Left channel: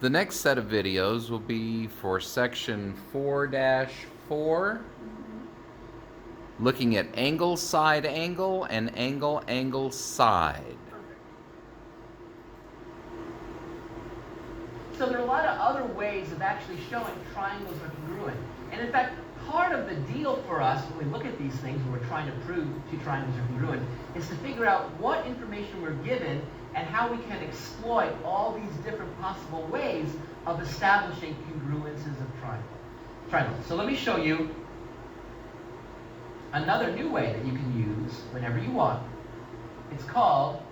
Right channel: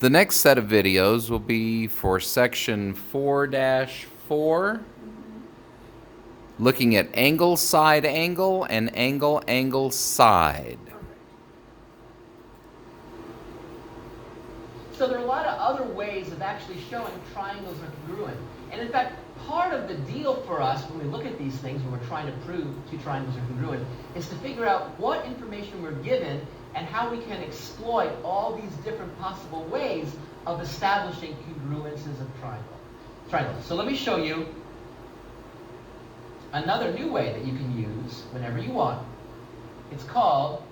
The next set of videos will be for section 4-4, looking at angle, side angle, and angle, angle, side. So there are a lot of other ways of actually showing triangles are congruent. And in fact, part of the deal for us when we look at these things, when we're trying to prove two triangles are congruent, is to figure out what information we're given and how we can exploit all these different possible ways of establishing congruences of triangles. So let me show you another new way that you can use whenever you want. It's called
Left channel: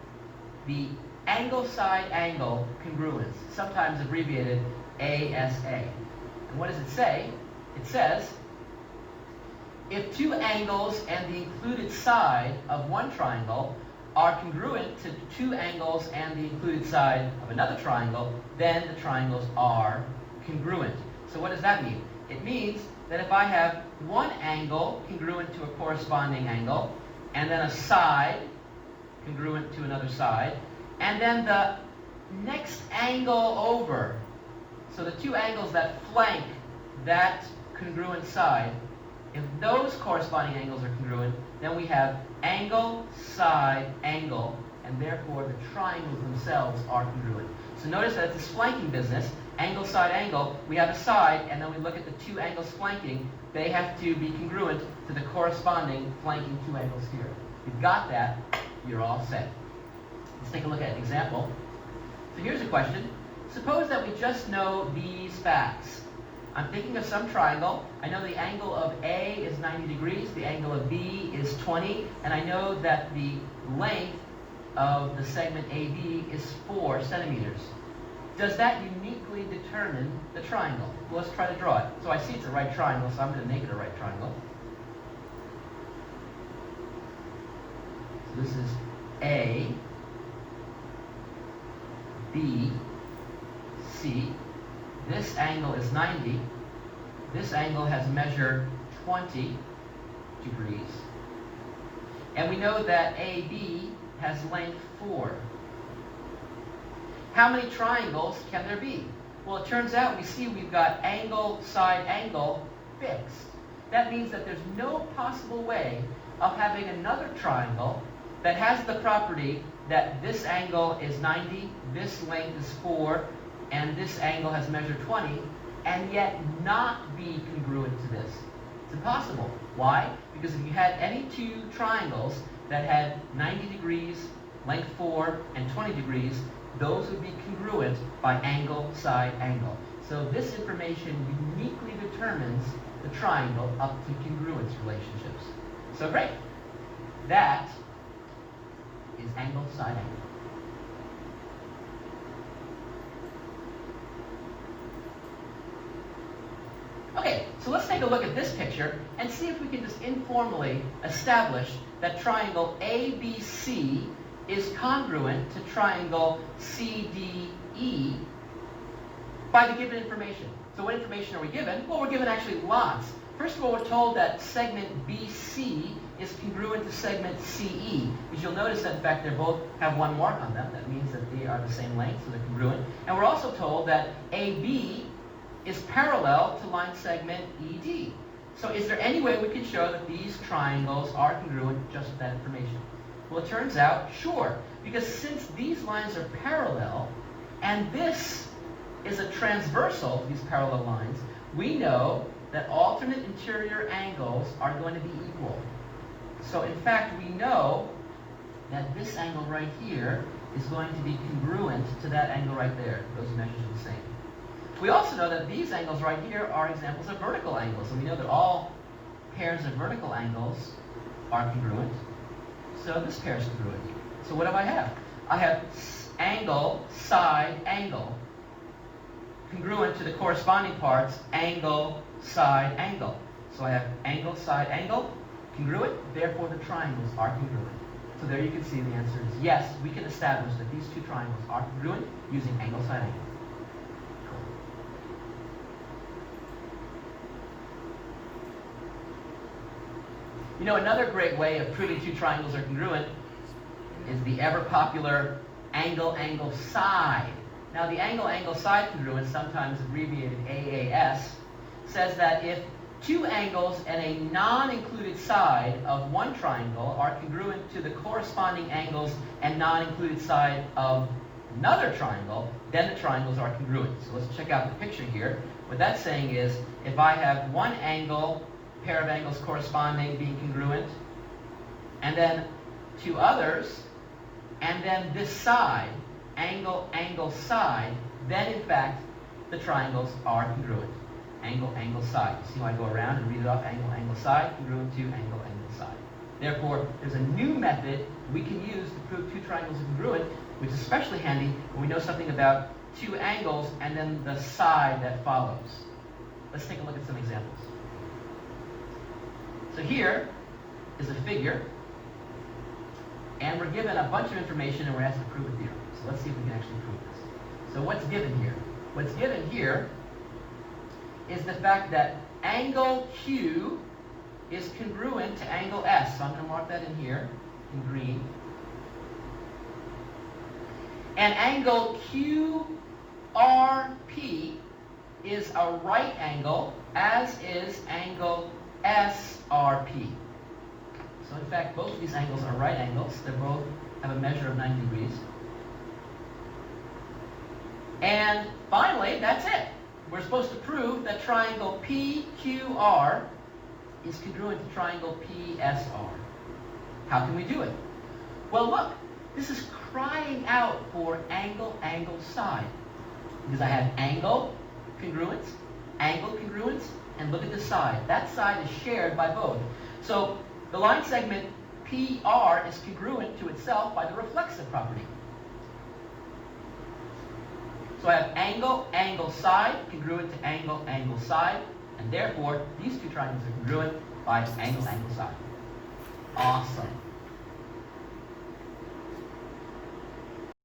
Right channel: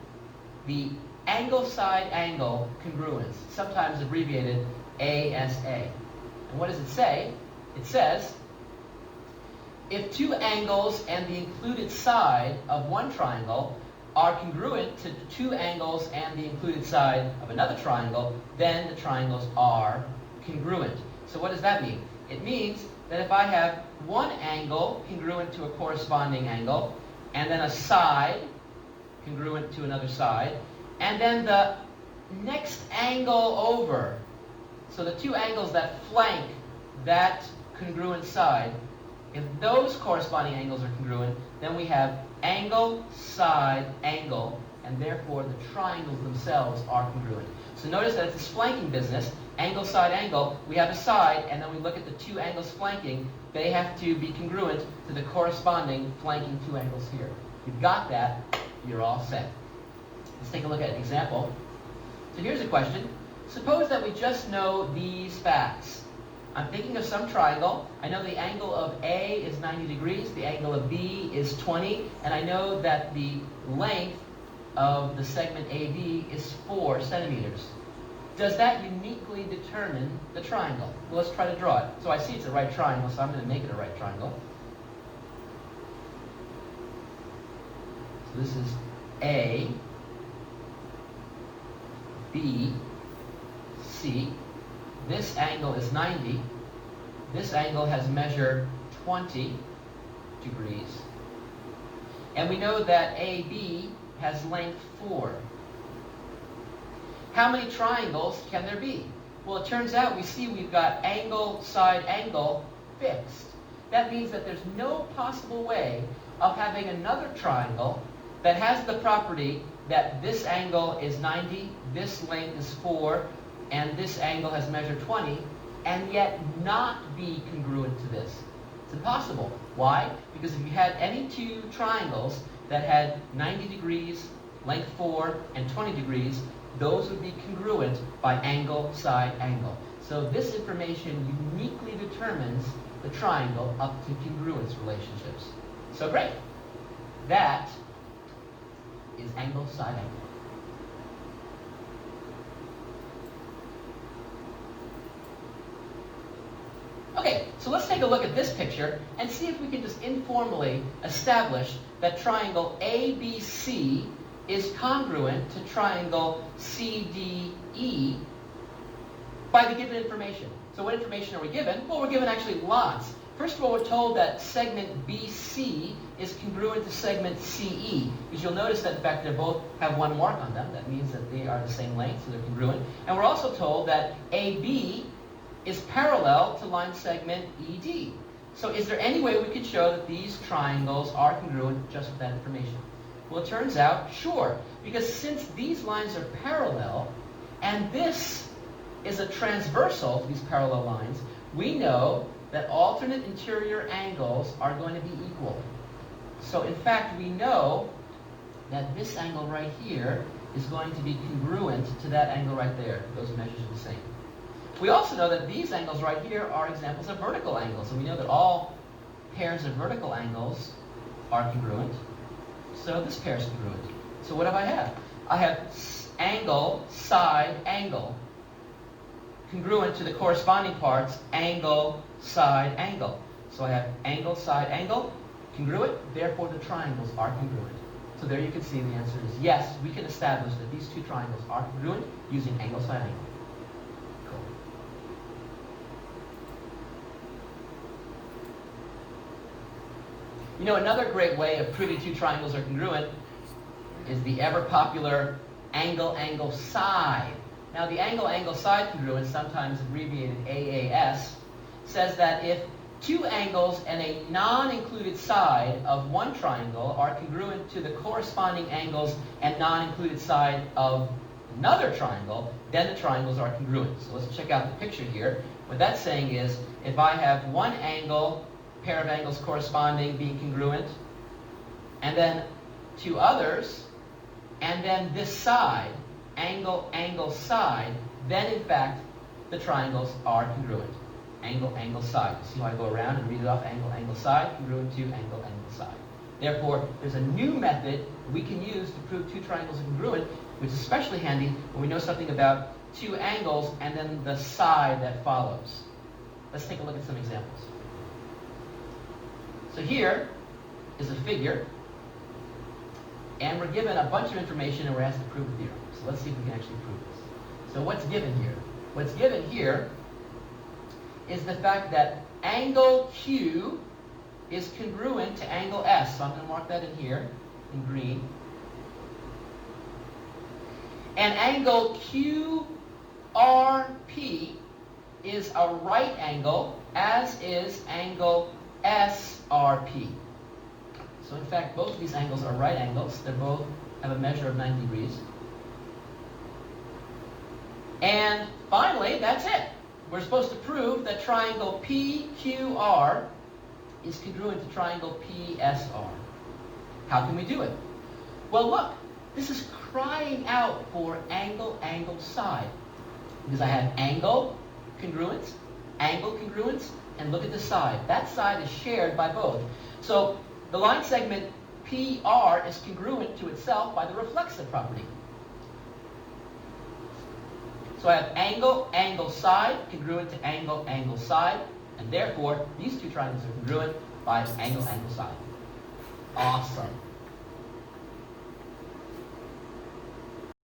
the angle-side-angle congruence, sometimes abbreviated ASA. And what does it say? It says, if two angles and the included side of one triangle are congruent to two angles and the included side of another triangle, then the triangles are congruent. So what does that mean? It means that if I have one angle congruent to a corresponding angle, and then a side congruent to another side, and then the next angle over, so the two angles that flank that congruent side, if those corresponding angles are congruent, then we have angle, side, angle, and therefore the triangles themselves are congruent. So notice that it's this flanking business, angle, side, angle. We have a side, and then we look at the two angles flanking. They have to be congruent to the corresponding flanking two angles here. If you've got that, you're all set. Let's take a look at an example. So here's a question. Suppose that we just know these facts. I'm thinking of some triangle. I know the angle of A is 90 degrees, the angle of B is 20, and I know that the length of the segment AB is 4 centimeters. Does that uniquely determine the triangle? Well, let's try to draw it. So I see it's a right triangle, so I'm going to make it a right triangle. So this is A, B, C. This angle is 90. This angle has measured 20 degrees. And we know that AB has length 4. How many triangles can there be? Well, it turns out we've got angle, side, angle fixed. That means that there's no possible way of having another triangle that has the property that this angle is 90, this length is 4, and this angle has measured 20, and yet not be congruent to this. It's impossible. Why? Because if you had any two triangles that had 90 degrees, length 4, and 20 degrees, those would be congruent by angle, side, angle. So this information uniquely determines the triangle up to congruence relationships. So great. That is angle, side, angle. Okay, so let's take a look at this picture and see if we can just informally establish that triangle ABC is congruent to triangle CDE by the given information. So what information are we given? Well, we're given actually lots. First of all, we're told that segment BC is congruent to segment CE, because you'll notice that in fact they both have one mark on them. That means that they are the same length, so they're congruent. And we're also told that AB is parallel to line segment ED. So is there any way we could show that these triangles are congruent just with that information? Well, it turns out, sure, because since these lines are parallel, and this is a transversal to these parallel lines, we know that alternate interior angles are going to be equal. So in fact, we know that this angle right here is going to be congruent to that angle right there. Those measures are the same. We also know that these angles right here are examples of vertical angles, and we know that all pairs of vertical angles are congruent. So this pair is congruent. So what do I have? I have angle, side, angle, congruent to the corresponding parts, angle, side, angle. So I have angle, side, angle, congruent, therefore the triangles are congruent. So there you can see the answer is yes, we can establish that these two triangles are congruent using angle, side, angle. You know, another great way of proving two triangles are congruent is the ever popular angle, angle, side. Now the angle-angle side congruence, sometimes abbreviated AAS, says that if two angles and a non-included side of one triangle are congruent to the corresponding angles and non-included side of another triangle, then the triangles are congruent. So let's check out the picture here. What that's saying is, if I have one angle, pair of angles corresponding being congruent, and then two others, and then this side, angle, angle, side, then in fact the triangles are congruent. Angle, angle, side. See how I go around and read it off? Angle, angle, side, congruent to angle, angle, side. Therefore, there's a new method we can use to prove two triangles are congruent, which is especially handy when we know something about two angles and then the side that follows. Let's take a look at some examples. So here is a figure, and we're given a bunch of information and we're asked to prove a theorem. So let's see if we can actually prove this. So what's given here? What's given here is the fact that angle Q is congruent to angle S. So I'm going to mark that in here in green. And angle QRP is a right angle, as is angle SRP. So in fact, both of these angles are right angles. They both have a measure of 90 degrees. And finally, that's it. We're supposed to prove that triangle PQR is congruent to triangle PSR. How can we do it? Well, look, this is crying out for angle, angle, side. Because I have angle congruence, and look at the side. That side is shared by both. So the line segment PR is congruent to itself by the reflexive property. So I have angle, angle, side, congruent to angle, angle, side, and therefore these two triangles are congruent by angle, angle, side. Awesome.